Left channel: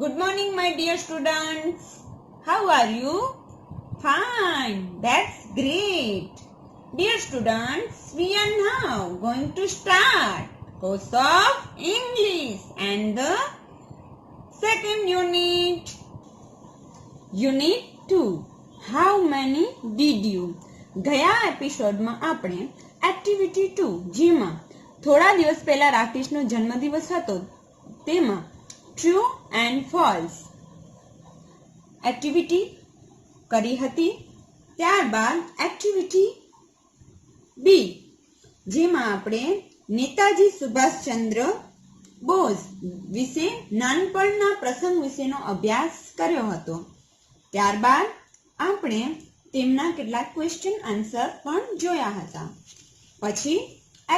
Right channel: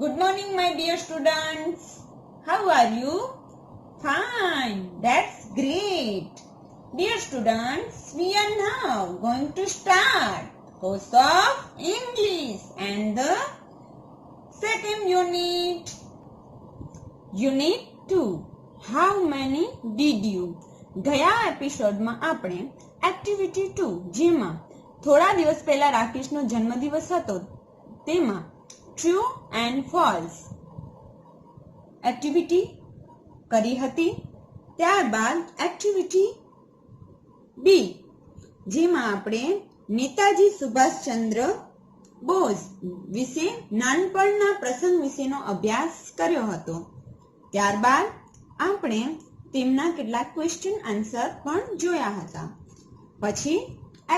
Good morning, my dear students. How are you? Fine. That's great. Dear students, we are now going to start course of English and the second unit. Unit 2. How many did you? ગયા એપિસોડમાં આપણે activity 2 જેમાં થોડા દિવસ પહેલા રાકેશનો જન્મદિવસ હતો તેમાં ટ્રુ એન્ડ ફોલ્સ એક્ટિવિટી કરી હતી. ત્યારબાદ એક્ટિવિટી બી જેમાં આપણે નેતાજી સુભાષચંદ્ર બોઝ વિશે નાનપણના પ્રસંગ વિશેનો અભ્યાસ કર્યો હતો. ત્યારબાદ આપણે તેમના કેટલાક ક્વેશ્ચન આન્સર પણ જોયા હતા. પછી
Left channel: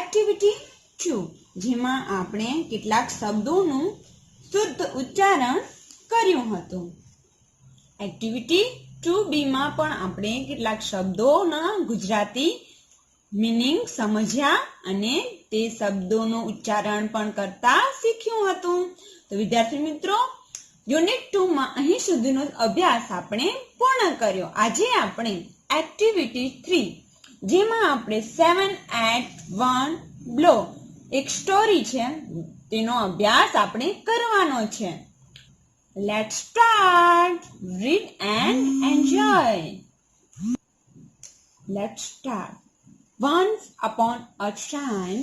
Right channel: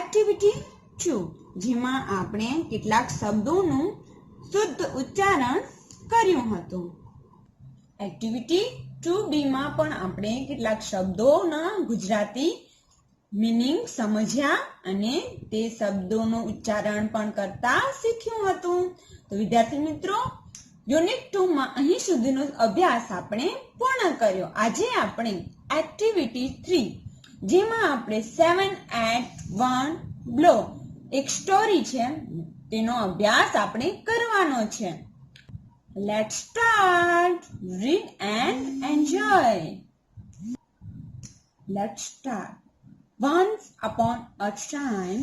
એક્ટિવિટી 2 જેમાં આપણે કેટલાક શબ્દોનું શુદ્ધ ઉચ્ચારણ કર્યું હતું. એક્ટિવિટી 2B માં પણ આપણે કેટલાક શબ્દોના ગુજરાતી મીનિંગ સમજ્યા અને તે શબ્દોનું ઉચ્ચારણ પણ કરતા શીખ્યું હતું. તો વિદ્યાર્થી મિત્રો, યુનિટ 2 માં અહીં સુધીનો અભ્યાસ આપણે પૂર્ણ કર્યો. આજે આપણે એક્ટિવિટી 3 જેમાં આપણે 7 at 1 blow એક સ્ટોરી છે તેનો અભ્યાસ આપણે કરવાનો છે. Let's start. Read and enjoy. Let's start. Once upon a time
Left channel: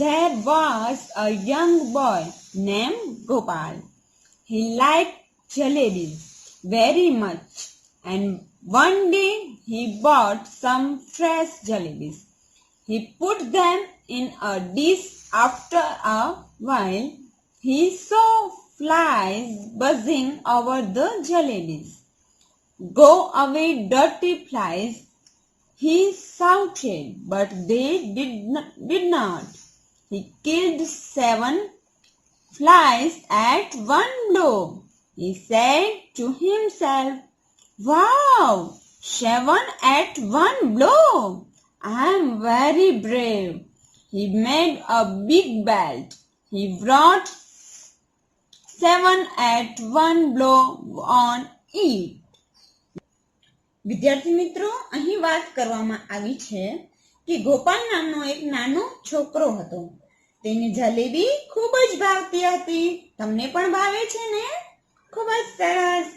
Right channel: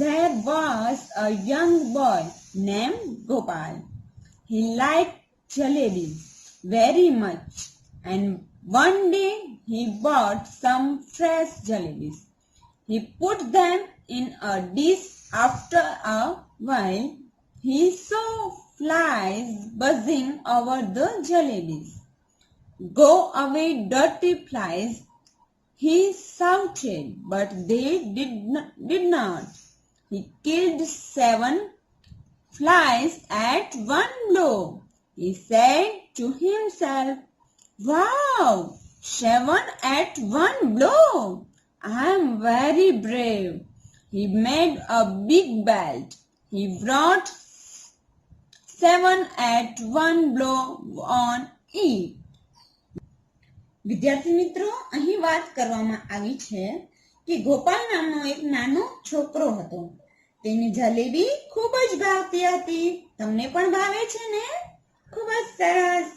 there was a young boy named Gopal. He liked jalebis very much, and one day he bought some fresh jalebis. He put them in a dish. After a while, he saw flies buzzing over the jalebis. "Go away, dirty flies," he shouted, but they did not. He killed 7 flies at one blow. He said to himself, "Wow, 7 at one blow! I am very brave." He made a big belt. He brought 7 at one blow on it. વિદ્યાર્થી મિત્રો, અહીં વાત કરવામાં આવી છે કે ગોપાલ નામનો એક નાનો છોકરો હતો. તેને જલેબી ખૂબ જ ભાવતી હતી. તમને પણ ભાવે છે ને? ખૂબ જ સરસ.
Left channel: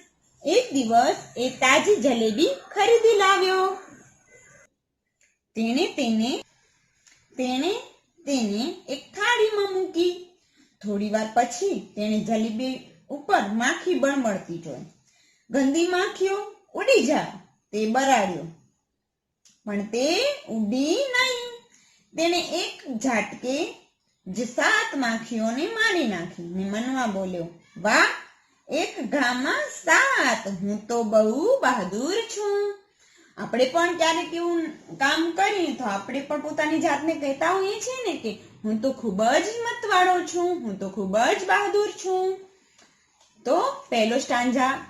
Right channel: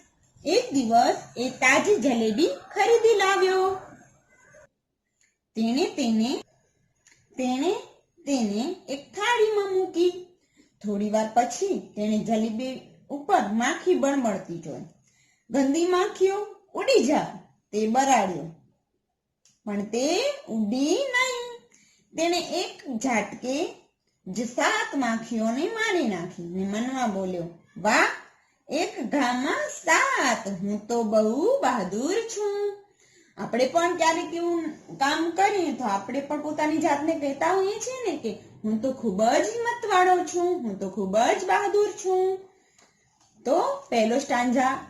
એક દિવસ એ તાજી જલેબી ખરીદી લાવ્યો. તેણે તેને એક થાળીમાં મૂકી. થોડી વાર પછી તેણે જલેબી ઉપર માખી બળબળતી જોઈ. ગંદી માખીઓ ઉડી જાવ તે બરાડ્યો, પણ તે ઉડી નહીં. તેણે એક ઝાટકે જ 7 માખીઓને મારી નાખી ને મનમાં બોલ્યો, "વાહ, એક ઘામાં 7! હું તો બહુ બહાદુર છું." આપણે પણ ક્યારેક એવું કામ કરીએ તો આપણે પણ પોતાની જાતને કહેતા હોઈએ છીએ ને કે હું તો ખૂબ જ હિંમતવાળો છું, હું તો ખૂબ જ બહાદુર છું. તો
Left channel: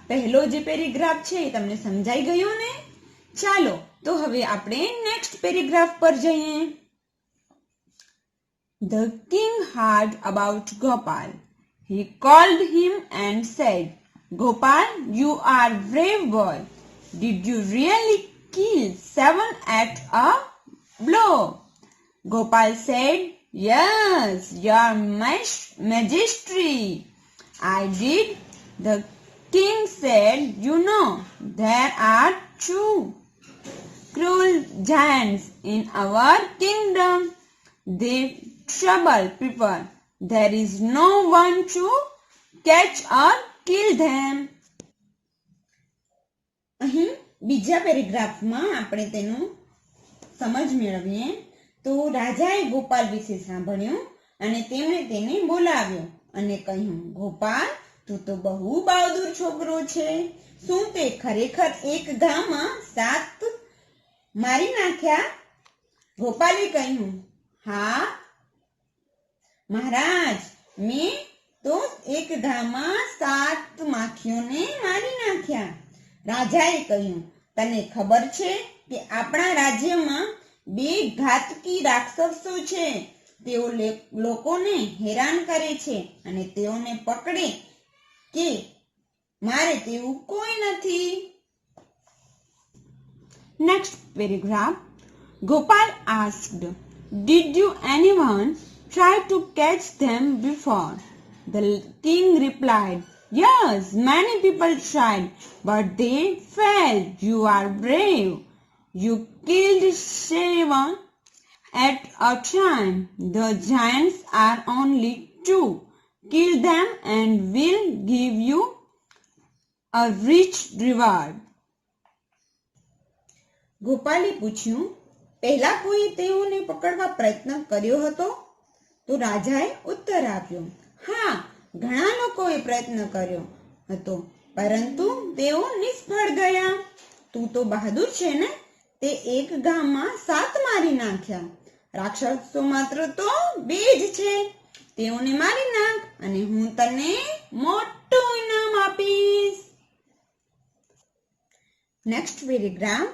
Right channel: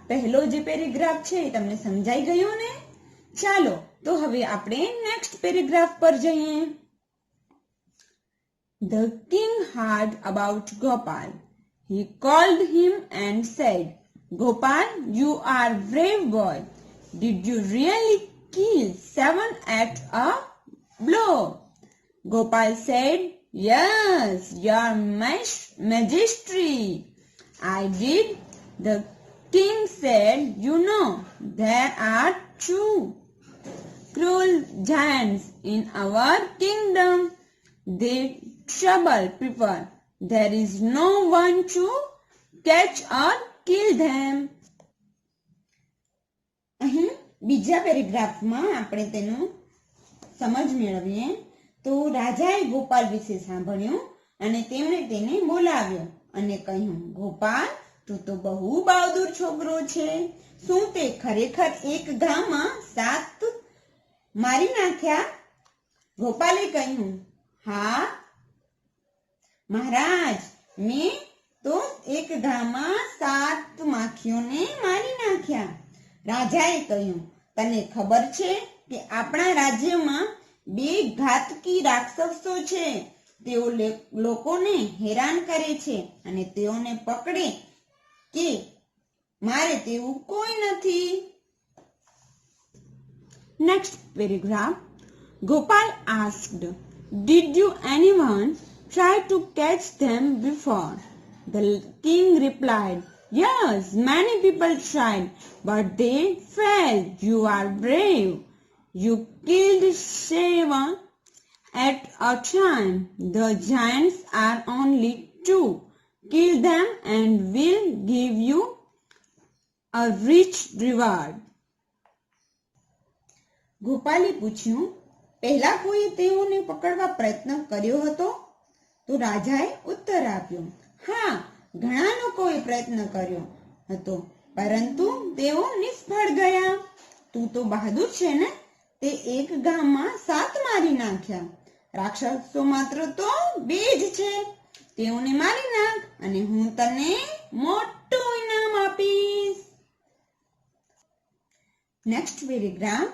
પહેલો જે પેરેગ્રાફ છે એ તમને સમજાઈ ગયો ને? ચાલો તો હવે આપણે નેક્સ્ટ પેરેગ્રાફ પર જઈએ. The king heard about Gopal. He called him and said, "Gopal, you are a brave boy. Did you really kill 7 at a blow?" Gopal said, "Yes, your majesty, I did." The king said, "You know, there are 2 cruel giants in our kingdom. They trouble people. There is no one to catch or kill them." અહીં બીજા પેરેગ્રાફમાં આપણે તેનું સમજ મેળવીએ તો રાજાએ ગોપાલ વિશે સાંભળ્યું અને તેમણે તેને બોલાવ્યો અને કહ્યું, "ગોપાલ, તું તો બહુ બહાદુર છોકરો છે. શું તે ખરેખર એક ઘામાં 7 મારી નાખ્યા?" ગોપાલે કહ્યું, "હા મહારાજ, મેં તો એક ઘામાં 7 માખીઓને મારી નાખ્યા." રાજાએ કહ્યું, "તને ખબર છે કે આપણા રાજ્યમાં 2 ઘાતકી રાક્ષસો છે. તેઓ લોકોને હેરાન કરે છે અને તેઓને પકડે કે મારે તેવું કોઈ નથી. Next paragraph. Gopal asked, "Did you anyone try to catch them before?" The king replied, "Yes, many people tried, but they failed. You are brave. You killed 7 at a time. The giants are only 2. Kill them and we'll give you a rich reward." ગોપાલે પૂછ્યું, પહેલા કોઈ તેઓને પકડવા પ્રયત્ન કર્યો હતો? તો રાજાએ ઉત્તર આપ્યો, હા, ઘણા લોકોએ પ્રયત્ન કર્યો હતો, પરંતુ તેઓ નિષ્ફળ ગયા. તું તો બહાદુર છે ને, તે એક ગામમાં 7 મારી નાખ્યા. રાક્ષસો માત્ર તો 2 જ છે. તેઓને મારી નાખ અને હું તને મોટું ઇનામ આપીશ. Next paragraph.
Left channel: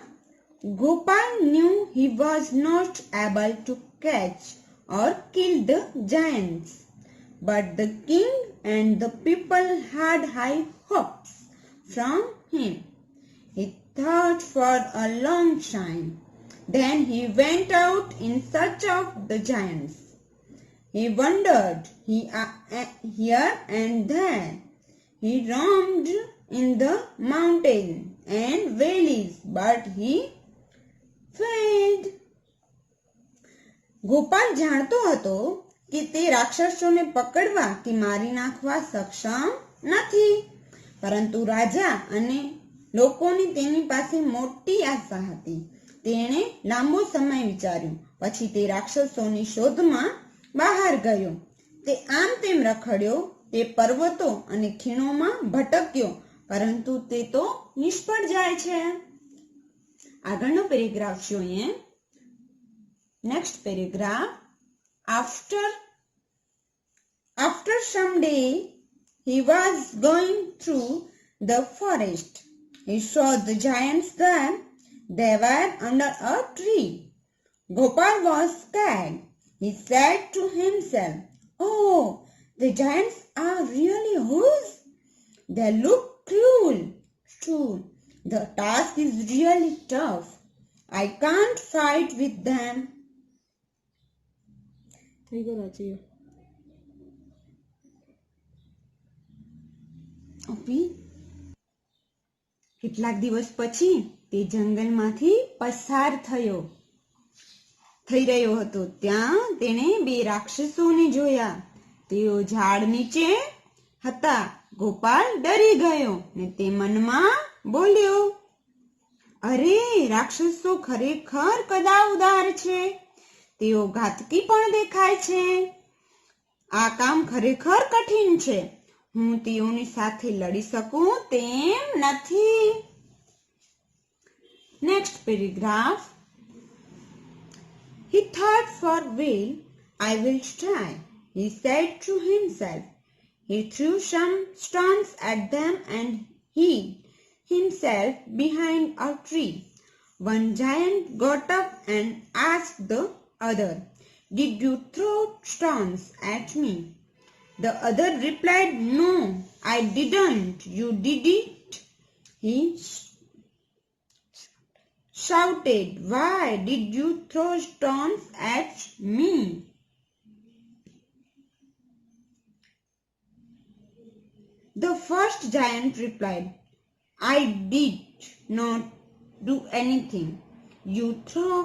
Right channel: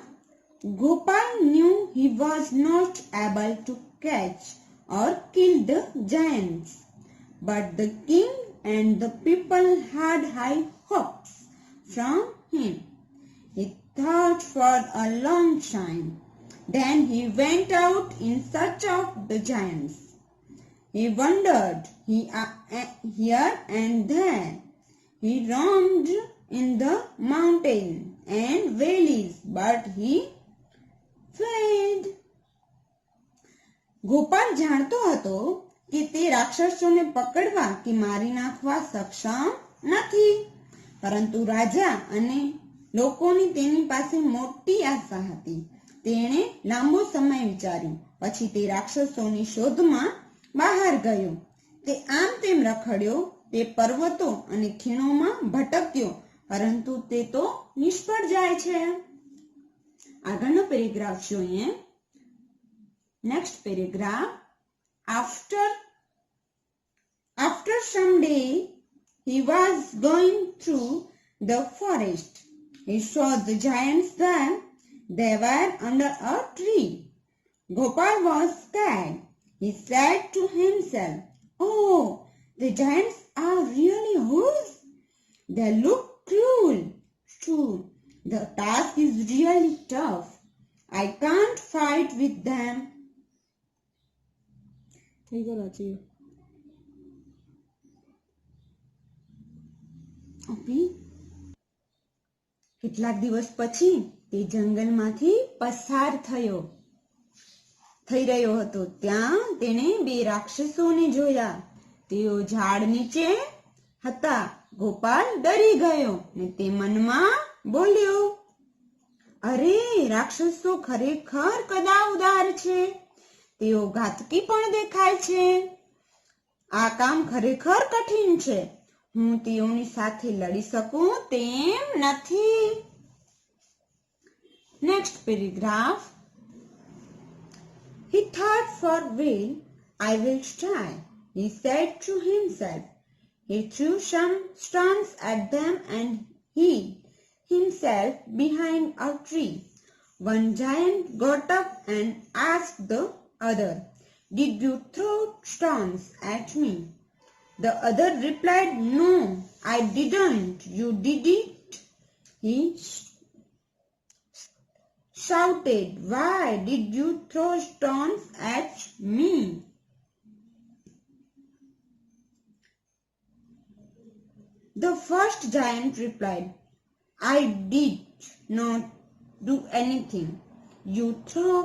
Gopal knew he was not able to catch or kill the giants, but the king and the people had high hopes from him. He thought for a long time. Then he went out in search of the giants. He wandered here and there. He roamed in the mountains and valleys, but he failed. Gopal જાણતો હતો કે તે રાક્ષસોને પકડવા કે મારી નાખવા સક્ષમ નથી, પરંતુ રાજા અને લોકોની તેની પાસે મોટી આશા હતી. તેણે લાંબો સમય વિચાર્યું. પછી તે રાક્ષસોની શોધમાં બહાર ગયો. તે આમ તેમ રખડ્યો. તે પર્વતો અને ખીણોમાં ભટક્યો, પરંતુ તે તો નિષ્ફળ જાય છે. આગળનો પેરેગ્રાફ જોઈએ. Next paragraph. After some day he was going through the forest. He saw the giants there. They were under a tree. Gopal was scared. He said to himself, "Oh, the giants are really whose? They look cruel. True. The task is really tough. I can't fight with them." કેટલાક દિવસ પછી તે જંગલમાંથી પસાર થઈ રહ્યો હતો. ત્યાં તેણે 2 રાક્ષસોને જોયા. તેઓ ઝાડ નીચે હતા. ગોપાલ ડરી ગયો ને તે મનમાં બોલ્યો, અરે, રાક્ષસો ખરેખર કદાવદાર છે. તેઓ ઘાતકી પણ દેખાય છે. આ કામ ખરેખર કઠિન છે. હું તેઓની સાથે લડી શકું તેમ નથી. Next paragraph. He thought for a while. I will try, he said to himself. He threw some stones at them and hid himself behind a tree. One giant got up and asked the other, "Did you throw stones at me?" The other replied, "No, I didn't. You did it." He shouted, "Why did you throw stones at me?" The first giant replied, "I did not do anything. You threw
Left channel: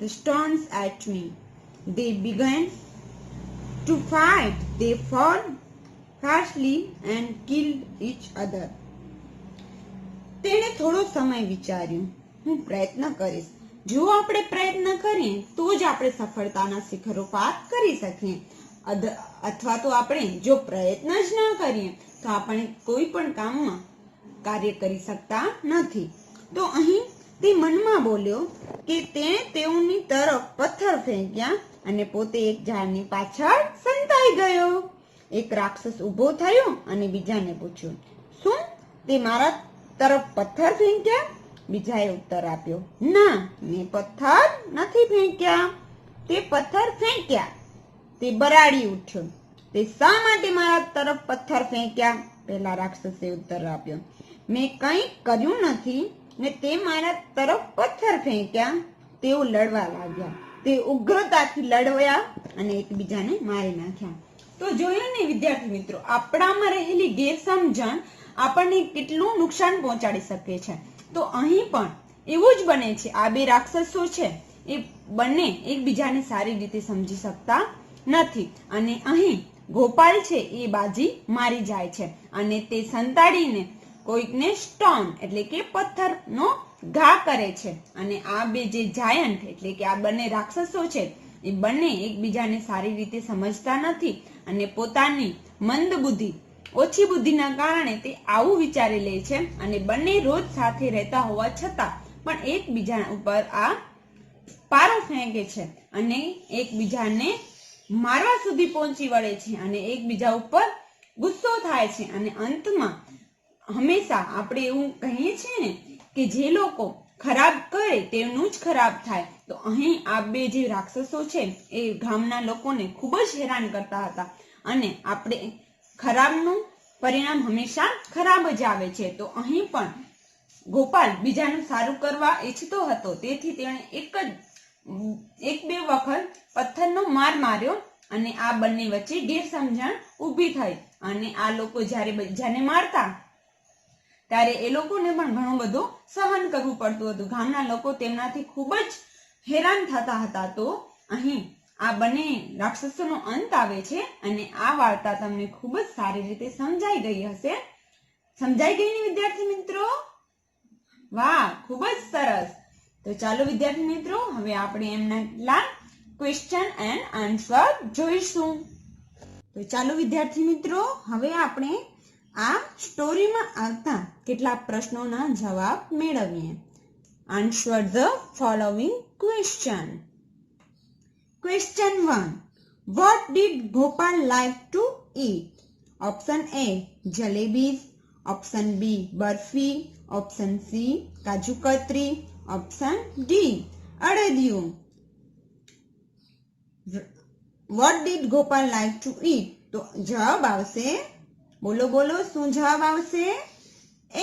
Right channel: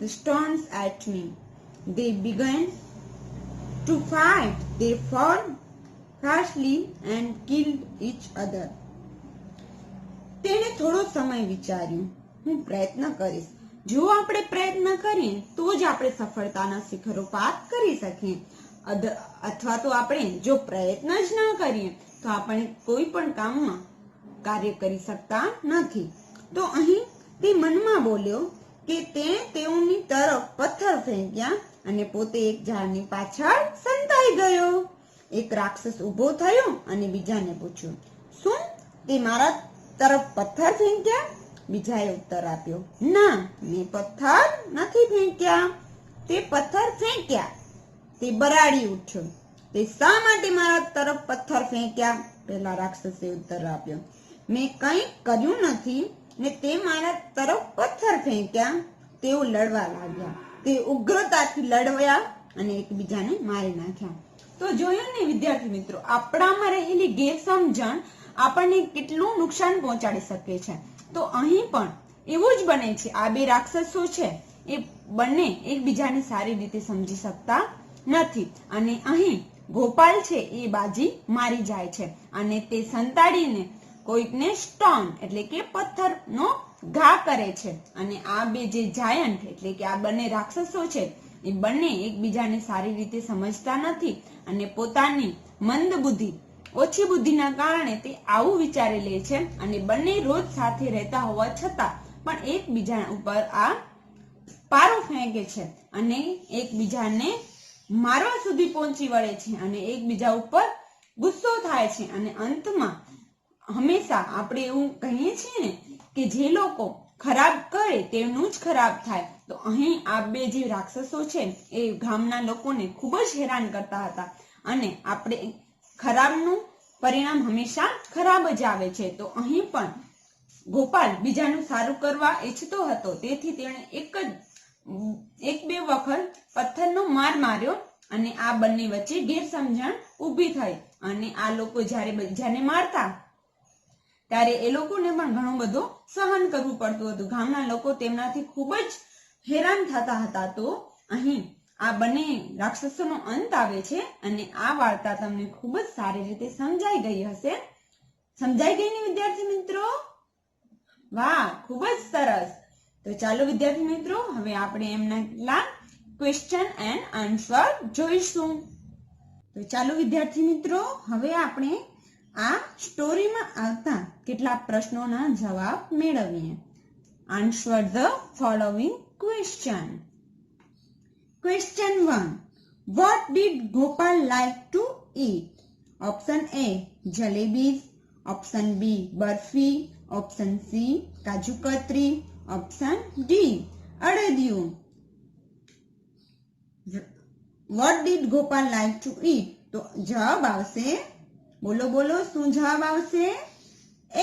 the stones at me." They began to fight. They fought fiercely and killed each other. તેણે થોડો સમય વિચાર્યું. હું પ્રયત્ન કરીશ. જો આપણે પ્રયત્ન કરીએ તો જ આપણે સફળતાના શિખરો પાર કરી શકીએ. અથવા તો આપણે જો પ્રયત્ન જ ન કરીએ તો આપણે કોઈ પણ કામમાં કાર્ય કરી શકતા નથી. તો અહીં તે મનમાં બોલ્યો કે તેણે તેઓની તરફ પથ્થર ફેંક્યા અને પોતે એક ઝાડની પાછળ સંતાઈ ગયો. એક રાક્ષસ ઊભો થયો અને બીજાને પૂછ્યું, "શું તે મારા તરફ પથ્થર ફેંક્યા?" બીજાએ ઉત્તર આપ્યો, "ના, મેં પથ્થર નથી ફેંક્યા. તે પથ્થર ફેંક્યા." તે બરાડી ઉઠ્યો. "તે શા માટે મારા તરફ પથ્થર ફેંક્યા?" પેલા રાક્ષસે ઉત્તર આપ્યો. મેં કંઈ કર્યું નથી ને તે મારા તરફ પથ્થર ફેંક્યા. તેઓ લડવા લાગ્યા. તે ઉગ્રતાથી લડ્યા અને એકબીજાને મારી નાખ્યા. તો જોયું ને વિદ્યાર્થી મિત્રો, આપણામાં રહેલી ગેરસમજણ આપણને કેટલું નુકસાન પહોંચાડી શકે છે. તો અહીં પણ એવું જ બને છે. આ બે રાક્ષસો છે એ બંને એકબીજાને સારી રીતે સમજી શકતા નથી અને અહીં ગોપાલ છે એ બાજી મારી જાય છે અને તે સંતાડીને કોઈકને સ્ટોન એટલે કે પથ્થરનો ઘા કરે છે. અને આ બે જે જાયન્ટ એટલે કે આ બંને રાક્ષસો છે એ બંને એકબીજાને સારી રીતે સમજતા નથી અને પોતાની મંદ બુદ્ધિ, ઓછી બુદ્ધિના કારણે તે આવું વિચારી લે છે અને બંને રોજ સાથે રહેતા હોવા છતાં પણ એકબીજા ઉપર આ પારો ફેંકે છે અને એકબીજાને મારવા સુધી પહોંચી વળે છે અને એકબીજા ઉપર ગુસ્સો થાય છે અને અંતમાં હંમેશા આપણે એવું કહીએ છીએ ને કે જે લોકો ખરાબ કરે તેનું જ ખરાબ થાય. તો અહીં આ બે જે રાક્ષસો છે એ ગામના લોકોને ખૂબ જ હેરાન કરતા હતા અને આપણે ખરાબનું પરિણામ હંમેશા ખરાબ જ આવે છે. તો અહીં પણ ગોપાલ બીજાનું સારું કરવા ઈચ્છતો હતો, તેથી તેણે એક બે વખત પથ્થરનો માર માર્યો અને આ બંને વચ્ચે ગેરસમજણ ઊભી થઈ અને આ લોકો જ્યારે બીજાને મારતા ત્યારે એ લોકોને પણ ઘણું બધું સહન કરવું પડતું હતું. ગામના લોકો તેમનાથી ખૂબ જ હેરાન થતા હતા. તો અહીં આ બંને રાક્ષસોનો અંત આવે છે અને આ વાર્તા તમને ખૂબ જ સારી રીતે સમજાઈ ગઈ હશે. સમજાઈ ગઈ ને વિદ્યાર્થી મિત્રો? વાહ, ખૂબ જ સરસ. તો ચાલો વિદ્યાર્થી મિત્રો, હવે આપણે એમના કેટલાક ક્વેશ્ચન એન્ડ આન્સર જોઈશું. તો ચાલો વિદ્યાર્થી મિત્રો, હવે આપણે આ સ્ટોરીમાં આવતા કેટલાક પ્રશ્નોના જવાબ મેળવીએ. Answer the following question. Question 1. What did Gopal like to eat? Option A, jalebis. Option B, barfi. Option C, kaju katri. Option D, અડદિયું. What did Gopal like to eat? તો જવાબ આવશે, બોલો બોલો, શું જવાબ આવશે?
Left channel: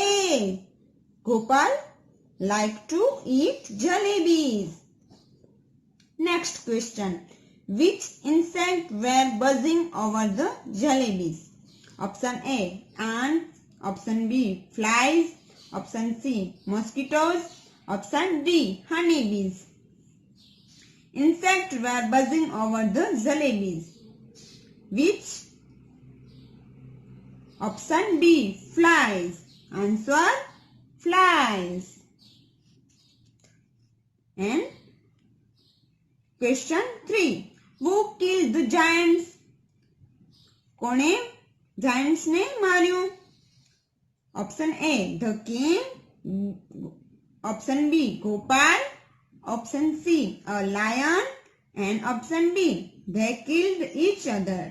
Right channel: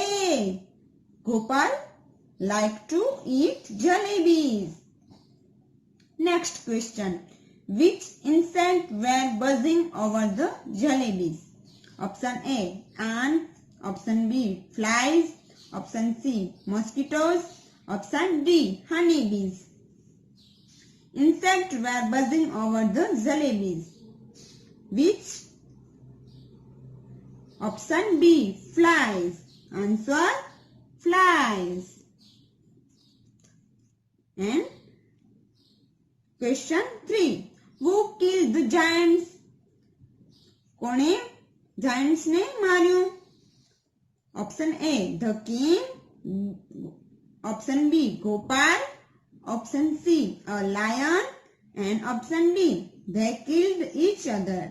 A, Gopal like to eat jalebis. Next question. Which insects were buzzing over the jalebis? Option A, ants. Option B, flies. Option C, mosquitoes. Option D, honeybees. Insects were buzzing over the jalebis. Which? Option B, flies. Answer, flies. And question 3. Who killed the giants? કોણે giants ને માર્યું? Option A, the king. Option B, Gopal. Option C, a lion. And option D, they killed each other.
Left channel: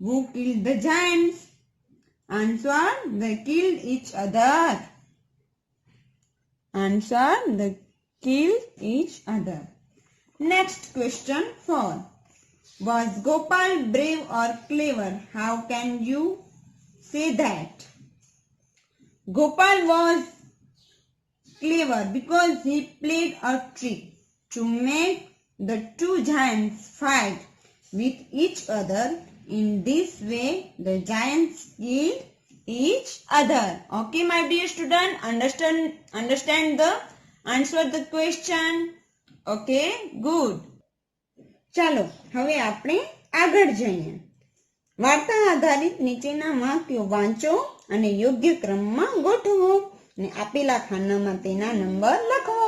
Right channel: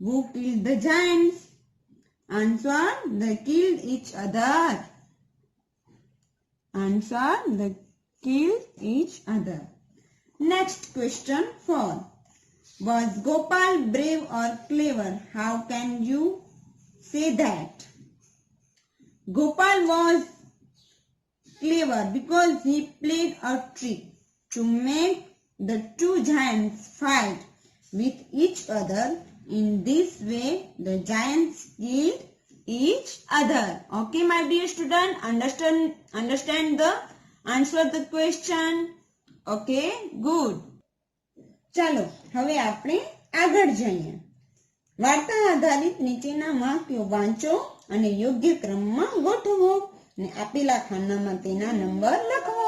Who killed the giants? Answer, they killed each other. Answer, they killed each other. Next question 4. Was Gopal brave or clever? How can you say that? Gopal was clever because he played a trick to make the two giants fight with each other. In this way, the giants killed each other. Okay, my dear student, understand the answer the question. Okay, good. ચાલો હવે આપણે આગળ જઈએ. વાર્તા આધારિત નીચેના વાક્યો વાંચો અને યોગ્ય ક્રમમાં ગોઠવો અને આપેલા ખાનામાં તેના નંબર લખો.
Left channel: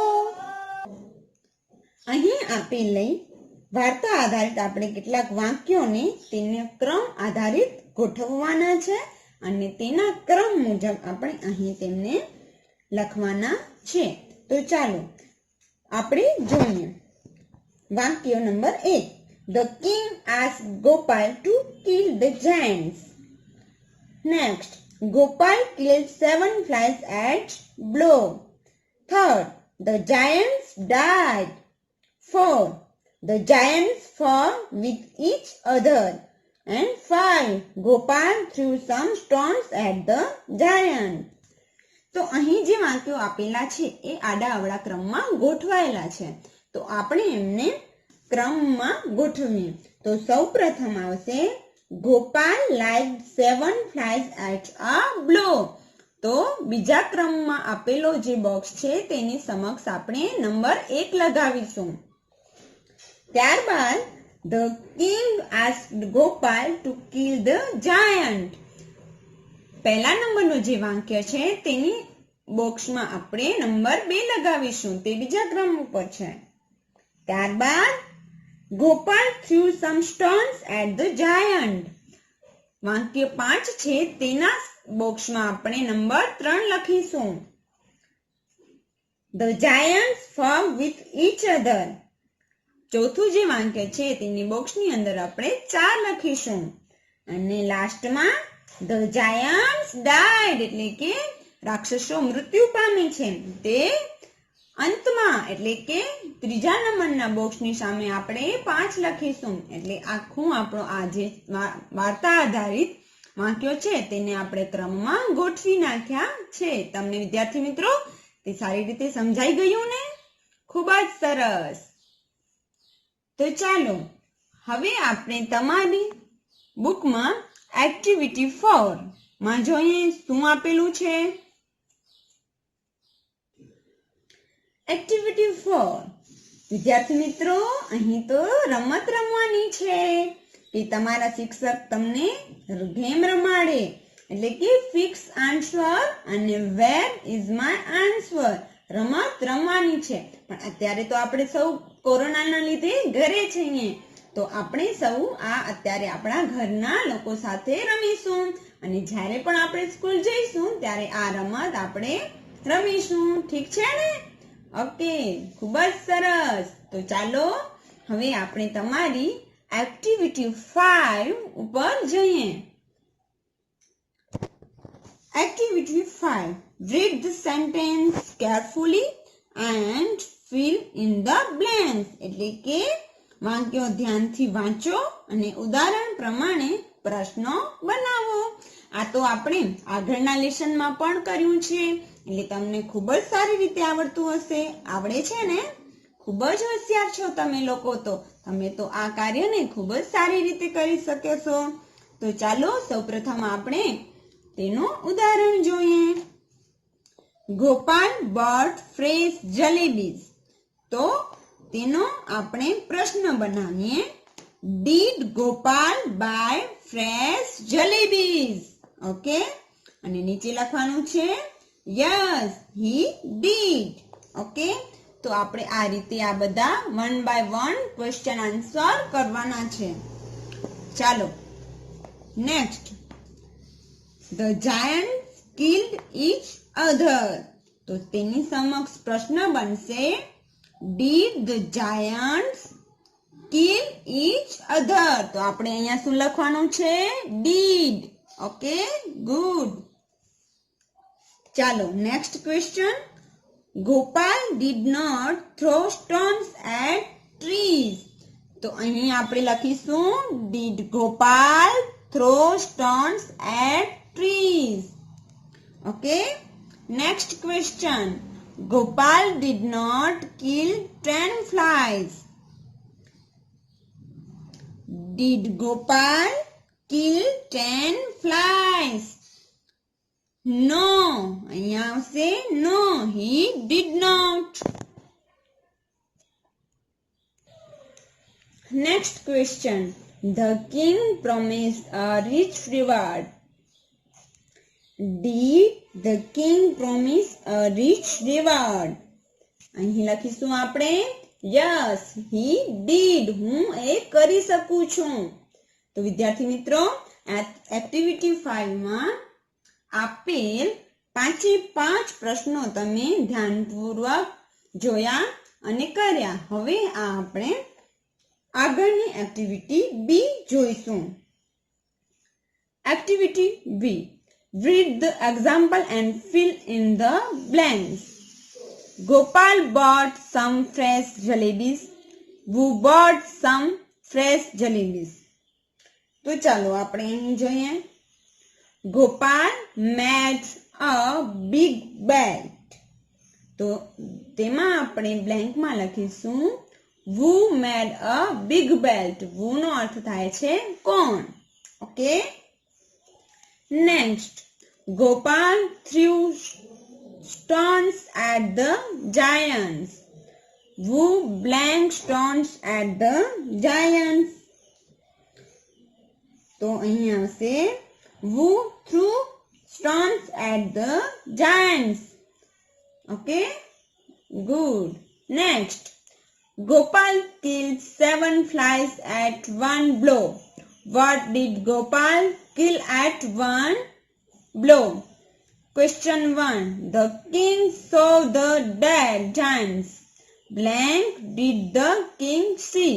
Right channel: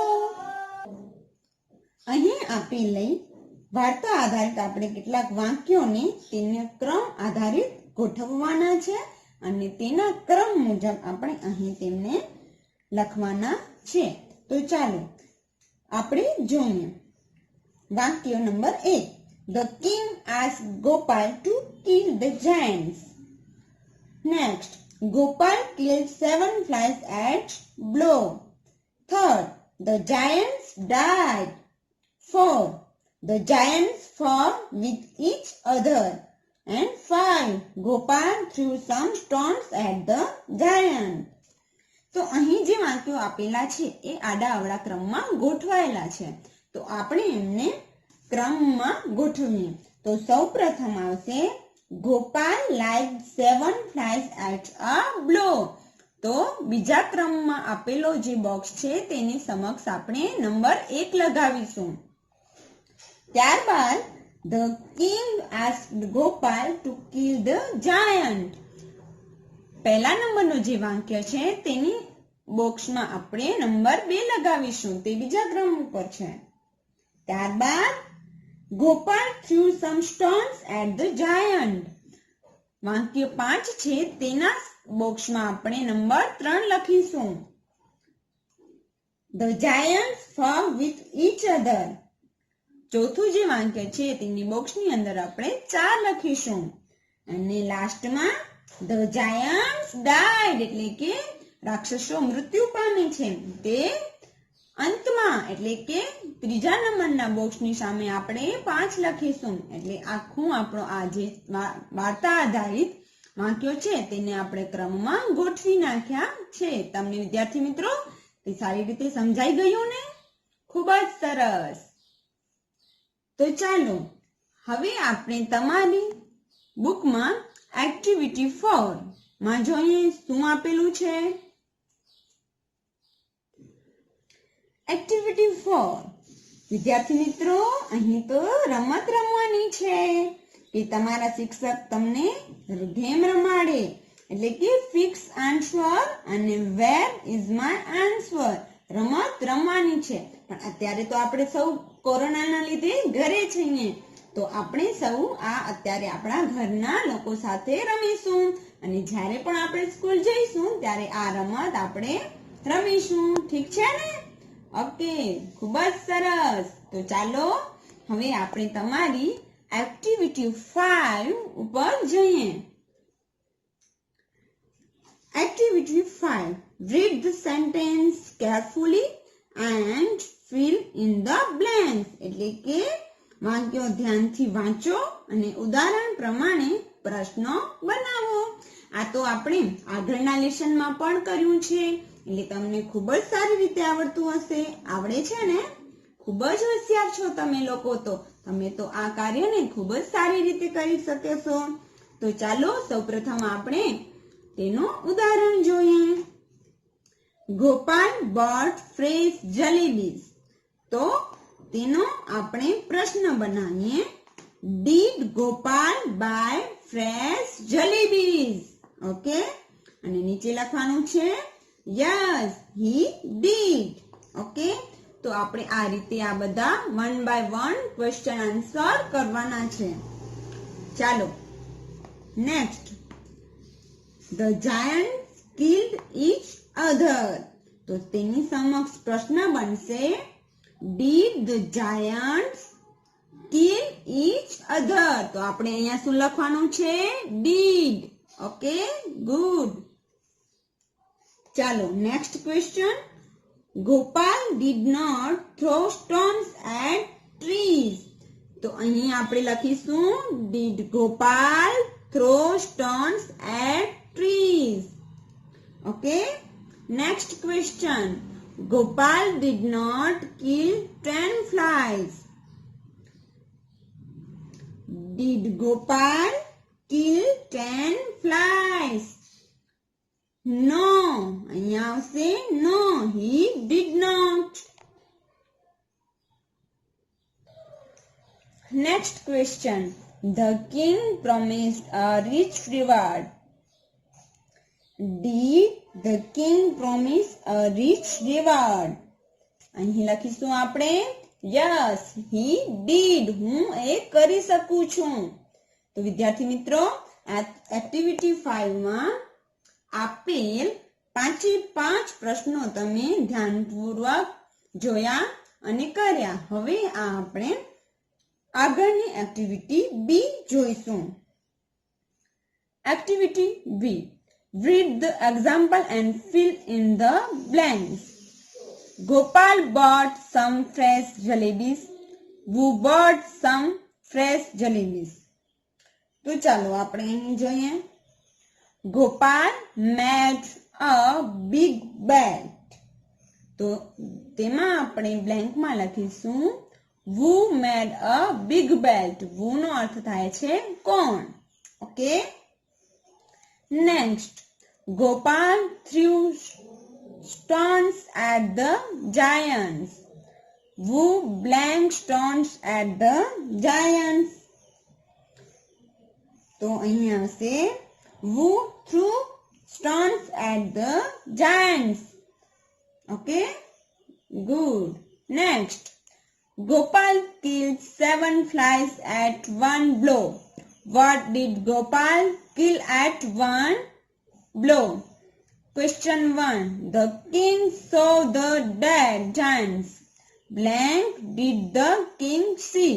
અહીં આપેલી વાર્તા આધારિત આપણે કેટલાક વાક્યોને તેના ક્રમ આધારિત ગોઠવવાના છે અને તેના ક્રમ મુજબ આપણે અહીં તેમને લખવાના છે. તો ચાલો આપણે જોઈએ. વાક્ય number 1. The king asked Gopal to kill the giants. Next, Gopal killed 7 flies at blow. Third, the giants died. 4. The giants fought with each other. and 5. Gopal threw some stones at the giant. તો અહીં જે વાક્યો આપેલા છે એ આડા અવળા ક્રમમાં ગોઠવાયેલા છે. તો આપણે એમને ક્રમમાં ગોઠવીએ. તો સૌપ્રથમ આવશે Gopal like 7 flies at a blow. તો બીજા ક્રમમાં આપેલો જે બોક્સ છે તેની સમક્ષ આપણે નંબર 1 લગાવીશું. ત્યારબાદ the king asked Gopal to kill the giant. પહેલા નંબરનું જે વાક્ય છે તેની બોક્સમાં આપણે નંબર 2 લગાવીશું. તે બીજા ક્રમ ઉપર છે. ત્યારબાદ Gopal threw some stones at the giant. વાક્ય 5 છે તેના બોક્સમાં આપણે નંબર 3 લખીશું. The giants fought with each other. ચોથું જે વાક્ય છે તેની બોક્સની અંદર આપણે 4 લખીશું. અને લાસ્ટમાં the giants died એટલે કે રાક્ષસો મૃત્યુ પામે છે. તે અંતમાં એટલે કે ત્રીજા નંબરના બોક્સની સામે આપણે 5 લખીશું. એટલે આખું આપણો આ જે વાર્તા આધારિત વાક્યો છે તેને આપણે ક્રમમાં ગોઠવી નાખ્યા છે. તમને વિદ્યાર્થી મિત્રો તે સારી રીતે સમજાઈ ગયું ને? ખૂબ જ સરસ. તો ચાલો હવે આપણે તમારી બુકમાં એક્ટિવિટી 4 માં જોઈએ શું આપેલું છે. એક્ટિવિટી 4 વિદ્યાર્થી મિત્રો અહીં તો રમત રમવાની છે કે તમારા શિક્ષક તમને ગેમ રમાડે એટલે કે ફિક્સ આન્સર અને વેર ઇઝ માય આન્સર રમત રમવાની છે. પણ અત્યારે તો આપણે સૌ કોરોનાના લીધે ઘરે છીએ તો આપણે સૌ આ અત્યારે આપણા ઘરના લોકો સાથે રમીશું અને જ્યારે પણ આપણે સ્કૂલ જઈશું ત્યારે આ રમત આપણે રમીશું. ઠીક છે ને? ઓકે, ખૂબ જ સરસ. તો ચાલો હવે આપણે તમારી એક્ટિવિટી 5 ઉપર જઈએ. Activity 5 read the sentence carefully and fill in the blanks. એટલે કે વાક્યો ધ્યાનથી વાંચો અને ઉદાહરણ પ્રમાણે પ્રશ્નો બનાવો. આ તો આપણે આગળના લેસનમાં પણ કર્યું છે એટલે તમને ખૂબ જ સારી રીતે આવડતું હશે. આવડે છે ને? ખૂબ જ હોશિયાર છો તમે લોકો. તો તમે તો આ કાર્યને ખૂબ જ સારી રીતે કરી શકો છો. તો ચાલો સૌપ્રથમ આપણે તેનું ઉદાહરણ જોઈએ. Gopal bought fresh jalebies. તો તેનો આપણે પ્રશ્ન બનાવીએ. Did Gopal buy fresh jalebies? Okay, અને નીચે લખવાનું છે yes he did. ઓકે, તો આપણે આ રીતે આ બધા 1 by 1 ક્વેશ્ચન આન્સર કરવાના છે. ચાલો next. The giants killed each other. તો તેની સમક્ષ પ્રશ્ન બનશે Did the giants kill each other? તો આપણે અહીંયા શું લખવાનું છે? Did. Okay, good. ચાલો next question. Gopal did not throw stones at trees. તો અહીં આપણે લખીશું Did Gopal throw stones at trees? Okay. Next question. Gopal did not kill 10 flies. Did Gopal kill 10 flies? No. અહીંયા આવશે no, he did not. Next question. The king promised a rich reward. Did the king promise a rich reward? અહીં લખીશું આપણે yes he did. હું એ કરી શકું છું. તો વિદ્યાર્થી મિત્રો એક્ટિવિટી 5 માં આપેલ 5 પ્રશ્નો તમે ધ્યાનપૂર્વક જોયા અને કર્યા. હવે આપણે આગળની એક્ટિવિટી B જોઈશું. Activity B. Read the example and fill in the blanks. Gopal bought some fresh jalebis. Who bought some fresh jalebis? તો ચાલો આપણે અહીં જોઈએ. ગોપાલ મેડ અ બિગ બેટ. તો તેમાં આપણે બ્લેન્કમાં લખીશું who made a big belt. who નો અર્થ થાય છે કોણ. Okay. Next, Gopal threw stones at the giants. who blank stones at the giants. તો અહીંયા હશે who threw stones at the giants. Okay, good. Next, Gopal killed 7 flies at one blow. What did Gopal kill at one blow? Question 1. The king saw the dead giants. Blank did the king see?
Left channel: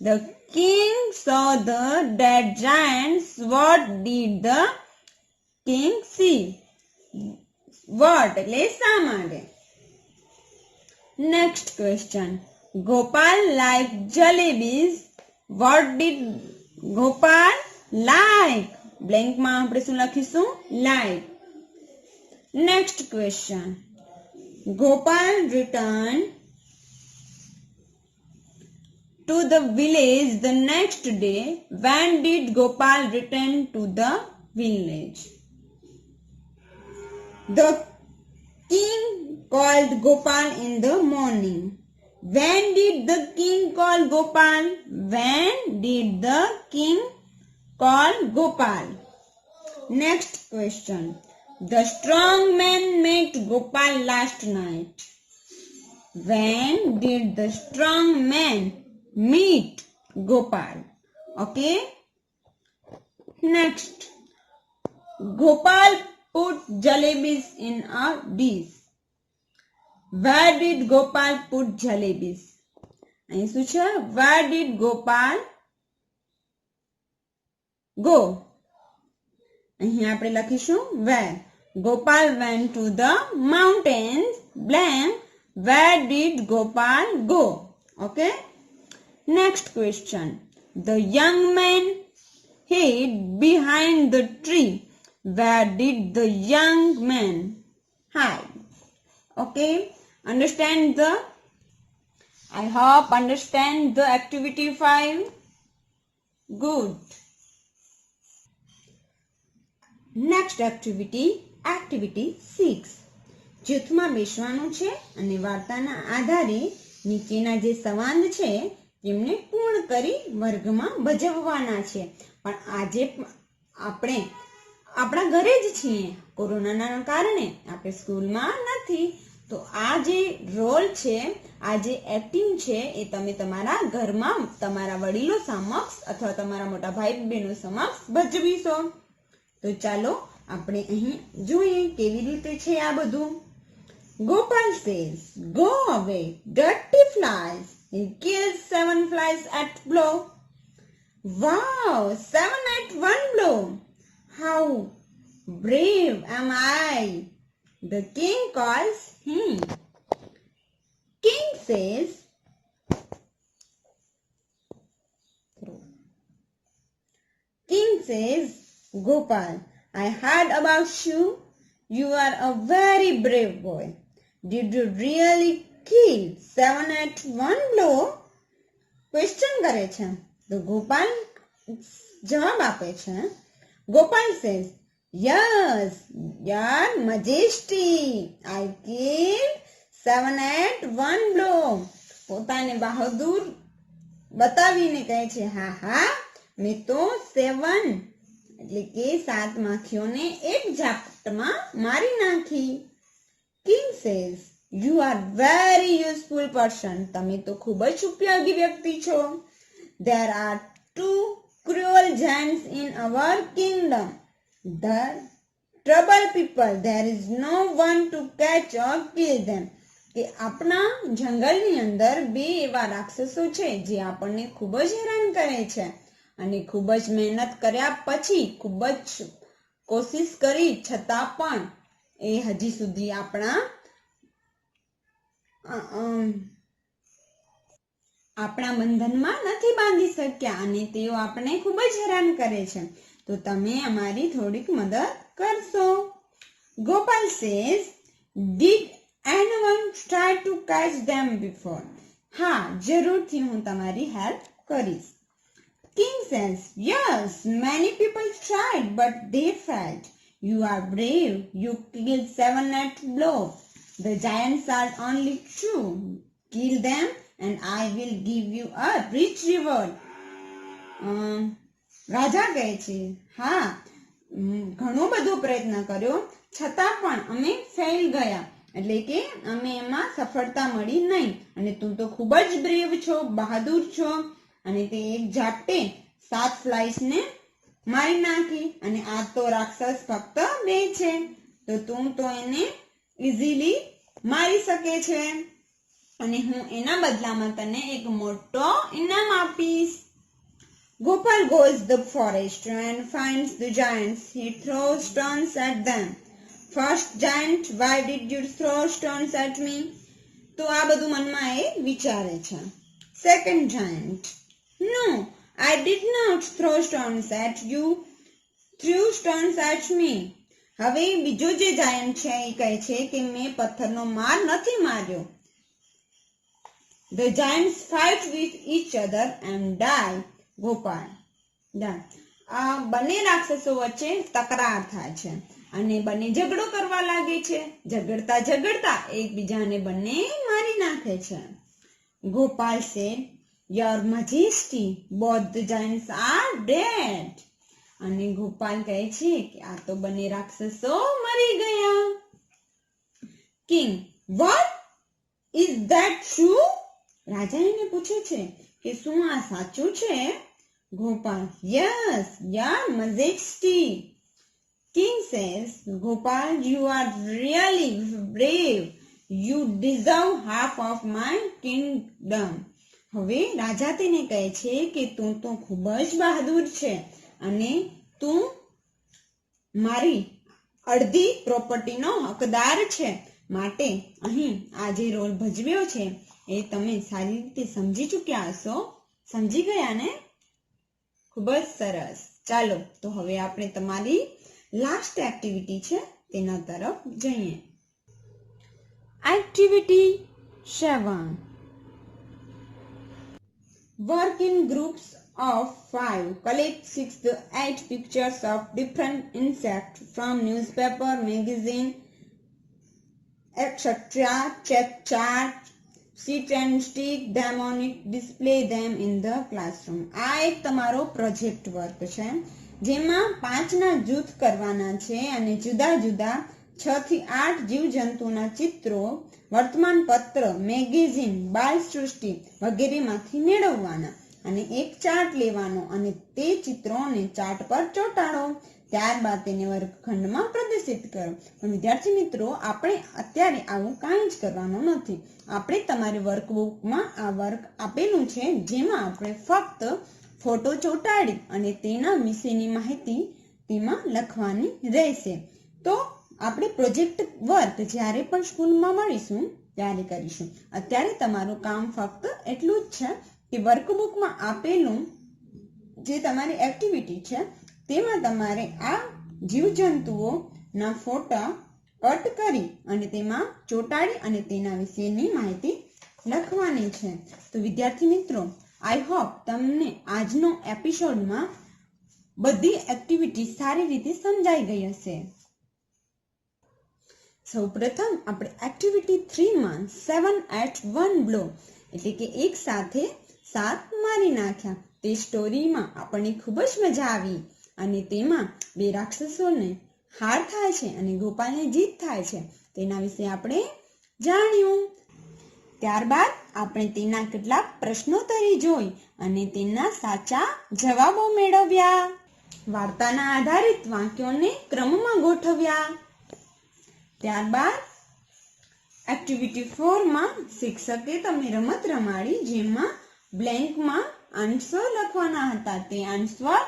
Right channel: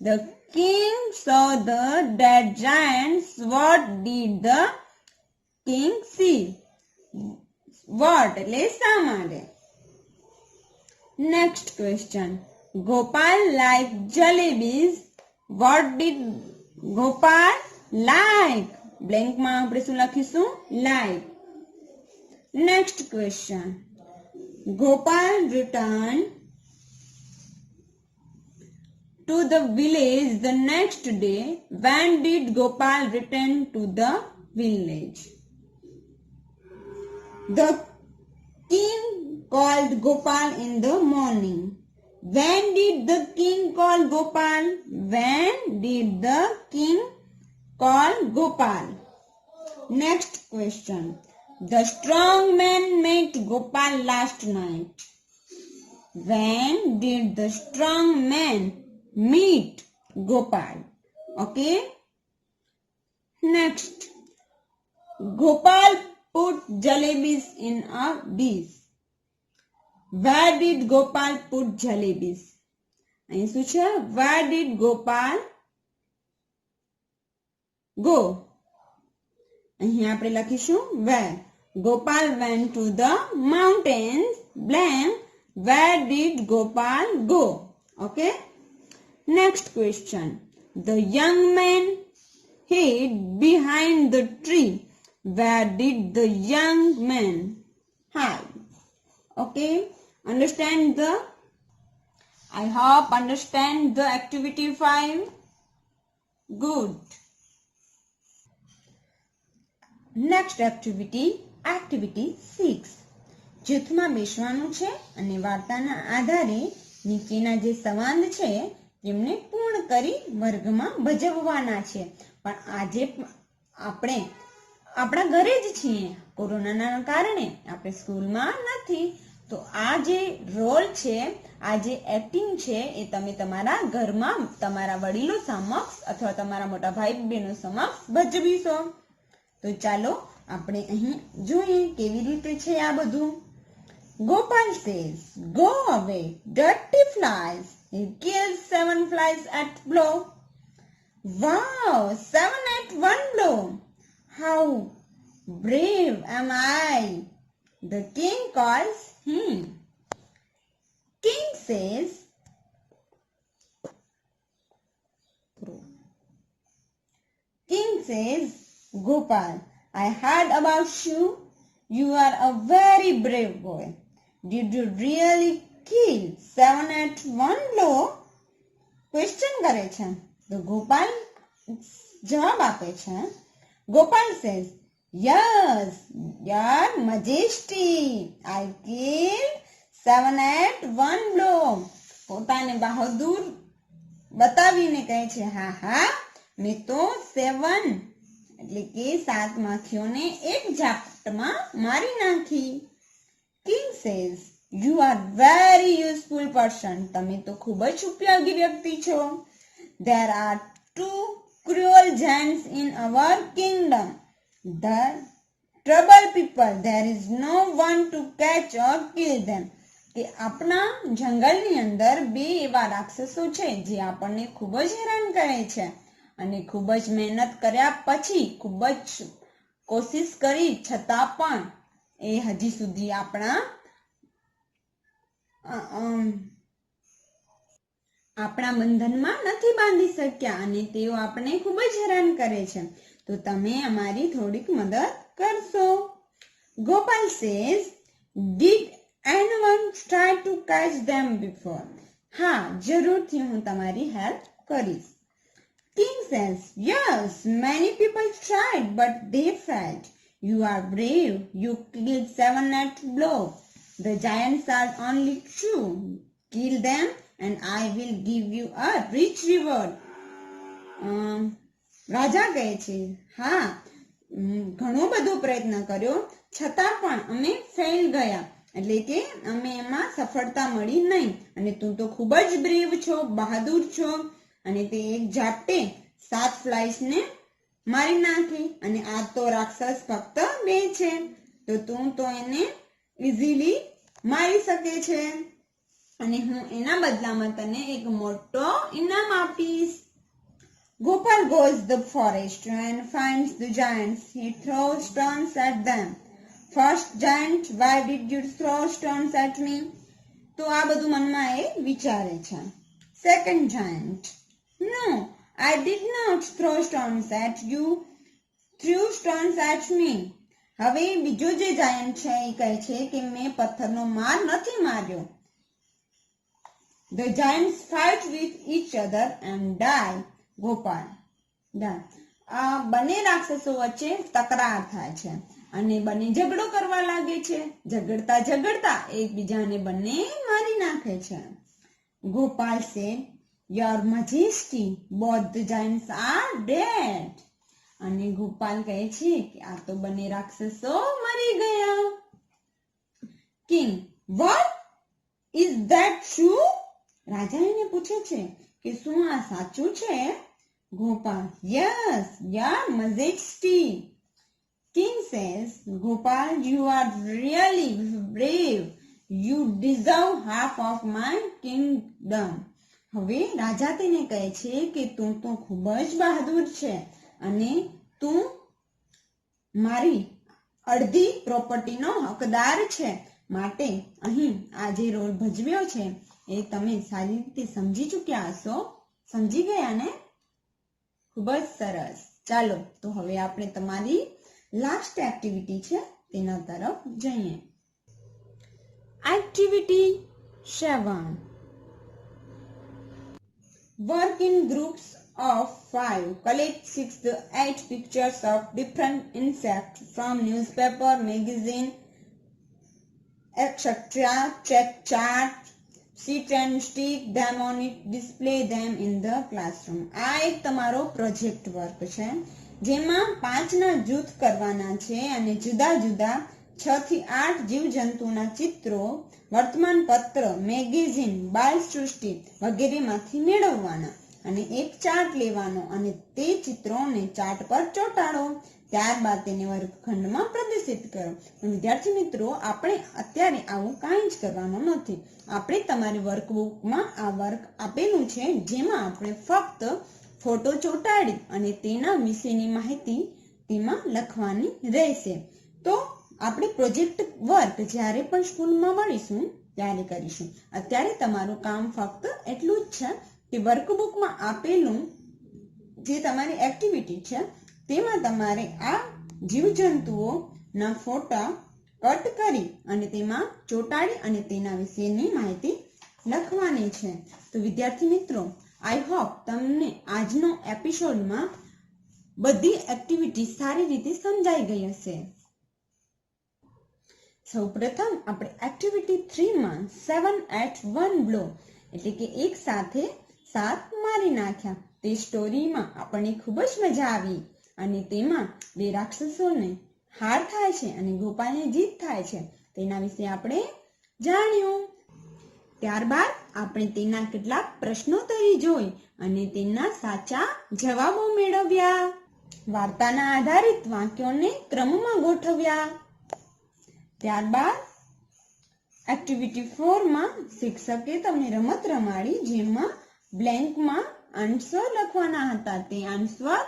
The king saw the dead giants. What did the king see? What? એટલે શા માટે? Next question. Gopal liked jalebis. What did Gopal like? Blank માં આપણે શું લખીશું? Like. Next question. Gopal returned to the village the next day. When did Gopal return to the village? The king called Gopal in the morning. When did the king call Gopal? When did the king call Gopal? Next question. The strong man met Gopal last night. When did the strong man meet Gopal? Okay. Next. Gopal put jalebis in a dish. Where did Gopal put jalebis? અહીં શું છે? Where did Gopal go? અહીં આપણે લખીશું where. Gopal went to the mountains. Blank. Where did Gopal go? Okay. Next question. The young man hid behind the tree. Where did the young man hide? Okay. Understand the? I hope understand the activity 5. Good. Next activity, activity 6. જૂથમાં બેસવાનું છે અને વાર્તાના આધારે નીચેના જે સંવાદ છે તેમને પૂર્ણ કરી વર્ગમાં ભજવવાના છે. પણ આજે આપણે આપણા ઘરે જ છીએ. કોરોનાના કારણે આપણે સ્કૂલમાં નથી. તો આ જે રોલ છે, આ જે એક્ટિંગ છે એ તમે તમારા ઘરમાં તમારા વડીલો સમક્ષ અથવા તમારા મોટા ભાઈ બહેનો સમક્ષ ભજવીશો. તો ચાલો આપણે અહીં જોઈએ કેવી રીતે છે આ બધું. Gopal says, "Go away, dirty flies." He kills 7 flies at blow. Wow, 7 at one blow. How brave am I? The king calls him. King says, Gopal, I heard about you. You are a very brave boy. Did you really kill 7 at one blow? Question કરે છે. તો ગોપાલ જવાબ આપે છે. Gopal says, yes, your majesty, I killed 7 at one blow. પોતાને બહાદુર બતાવીને કહે છે, હા મેં તો 7 એટલે કે 7 માખીઓને એક ઝાપટમાં મારી નાખી. King says, you are very useful person. તમે તો ખૂબ જ ઉપયોગી વ્યક્તિ છો. There are 2 cruel giants in our kingdom. The trouble people. There is no one to catch or kill them. કે આપણા જંગલની અંદર 2 એવા રાક્ષસો છે જે આપણને ખૂબ જ હેરાન કરે છે અને ખૂબ જ મહેનત કર્યા પછી ખૂબ જ કોશિશ કરી છતાં પણ એ હજી સુધી આપણા આપણા બંધનમાં નથી બાંધી શક્યા અને તેઓ આપણને ખૂબ જ હેરાન કરે છે. તો તમે અમારી થોડીક મદદ કરશો. Gopal says, Did anyone try to catch them before? હા, જરૂરથી હું તમારી હેલ્પ કરીશ. King says, Yes, many people tried, but they failed. You are brave. You killed 7 at blow. The giants are only two. Kill them and I will give you a rich reward. રાજા કહે છે, હા, ઘણો બધો પ્રયત્ન કર્યો છતાં પણ અમે ફેલ ગયા, એટલે કે અમે એમાં સફળતા મળી નહીં. અને તું તો ખૂબ જ બ્રેવ છો, બહાદુર છો. અને તે એક ઝાપટે 7 ફ્લાઇસને મારી નાખી અને આ તો રાક્ષસ ફક્ત 2 છે, તો તું તો એને ઇઝીલી મારી શકે છે અને હું એના બદલામાં તને એક મોટો ઇનામ આપીશ. Gopal goes the forest and finds the giants. He throws stones at them. First giant, why did you throw stones at me? તો આ બધું મનમાં એ વિચારે છે. Second giant, no, I did not throw stones at you. Threw stones at me. હવે બીજો જે giant છે એ કહે છે કે મેં પથ્થરનો માર નથી માર્યો. The giants fight with each other and die. Gopal, આ બંને રાક્ષસો વચ્ચે તકરાર થાય છે અને બંને ઝઘડો કરવા લાગે છે. ઝઘડતા ઝઘડતા એકબીજાને બંને મારી નાખે છે. Gopal said, Your Majesty, both the giants are dead. અને ગોપાલ કહે છે કે આ તો બંને રાક્ષસો મરી ગયા. King, what? Is that true? રાજા એને પૂછે છે કે શું આ સાચું છે? Gopal, Yes, Your Majesty. King says, Gopal, you are really brave. You deserve half of my kingdom. હવે રાજા તેને કહે છે કે તું તો ખૂબ જ બહાદુર છે અને તું મારી અડધી પ્રોપર્ટીનો હકદાર છે, માટે અહીં આ જે રોલ ભજવ્યો છે એ તમે સારી રીતે સમજી ચૂક્યા હશો. સમજી ગયા ને? ખૂબ જ સરસ. ચાલો તો હવે આપણે તમારી લાસ્ટ એક્ટિવિટી છે તેના તરફ જઈએ. Activity 7. Work in groups of 5. Collect 6 to 8 pictures of different insects from newspaper, magazine, etc. Check chart, sit and stick them on it, display them in the classroom. આ એક તમારો પ્રોજેક્ટ વર્ક છે જેમાં 5ના જૂથ કરવાના છે અને જુદા જુદા 6 થી 8 જીવજંતુના ચિત્રો વર્તમાન પત્ર, મેગેઝીન, બાલ સૃષ્ટિ વગેરેમાંથી મેળવવાના અને એક ચાર્ટ લેવાનો અને તે ચિત્રોને ચાર્ટ પર ચોંટાડો. ત્યારબાદ તેને વર્ગખંડમાં પ્રદર્શિત કરો. પણ વિદ્યાર્થી મિત્રો, આપણે અત્યારે આવું કાંઈ જ કરવાનું નથી. આપણે તમારી વર્કબુકમાં આ વર્ક આપેલું છે જેમાં આપણે ફક્ત ફોટો ચોંટાડી અને તેના વિશેની માહિતી તેમાં લખવાની રહેશે. તો આપણે પ્રોજેક્ટ વર્ક જ્યારે પણ સ્કૂલમાં મળીશું ત્યારે કરીશું. અત્યારે તમારું કામ ફક્ત એટલું જ છે કે વર્કબુકમાં આપેલું જે તમારી એક્ટિવિટી છે તેમાં તમારે આ જીવજંતુઓના ફોટા કટ કરી અને તેમાં ચોંટાડી અને તેના વિશેની માહિતી લખવાની છે. તો વિદ્યાર્થી મિત્રો, આઈ હોપ તમને આજનો એપિસોડમાં બધી એક્ટિવિટી સારી રીતે સમજાઈ ગઈ હશે. સૌપ્રથમ આપણે એક્ટિવિટી 3માં 7 at 1 blow એટલે કે એક સાથે 7 મારી નાખ્યા તે સ્ટોરીમાં આપણને ખૂબ જ મજા આવી અને તેમાં 2 રાક્ષસોને હાર થાય છે અને ગોપાલને જીત થાય છે તેના વિશે આપણે જાણ્યું. ત્યારબાદ આપણે તેના કેટલાક પ્રશ્નોત્તરી જોઈ અને તેના સાચા જવાબો મેળવ્યા. વાર્તાના આધારિત વાક્યોને ક્રમમાં ગોઠવ્યા. ત્યારબાદ એક્ટિવિટી 4માં શિક્ષકે તમને રમત રમાડી જેમાં બ્લેન્કમાં આન્સર લખવાના હતા. તે આન્સર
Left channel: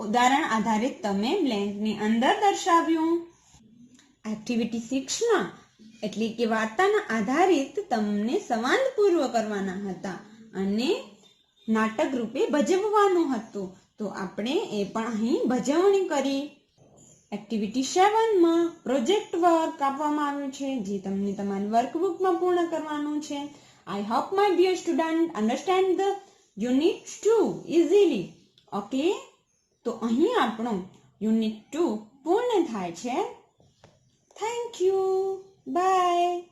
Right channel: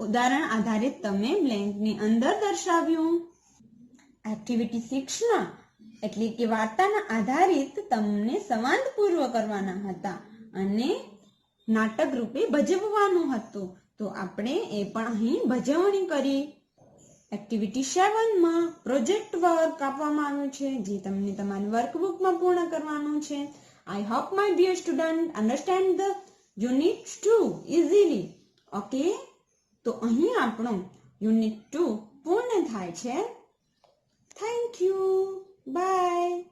ઉદાહરણ આધારિત તમે બ્લેન્કની અંદર દર્શાવ્યું. એક્ટિવિટી 6માં એટલે કે વાર્તાના આધારિત તમને સંવાદ પૂર્વ કરવાના હતા અને નાટક રૂપે ભજવવાનું હતું. તો આપણે એ પણ અહીં ભજવણી કરી. એક્ટિવિટી 7 માં પ્રોજેક્ટ વર્ક આપવામાં આવ્યું છે જે તમને તમારી વર્કબુકમાં પૂર્ણ કરવાનું છે. I hope my dear student understand the unit 2 easily. Okay, તો અહીં આપણો યુનિટ 2 પૂર્ણ થાય છે. Thank you. બાય.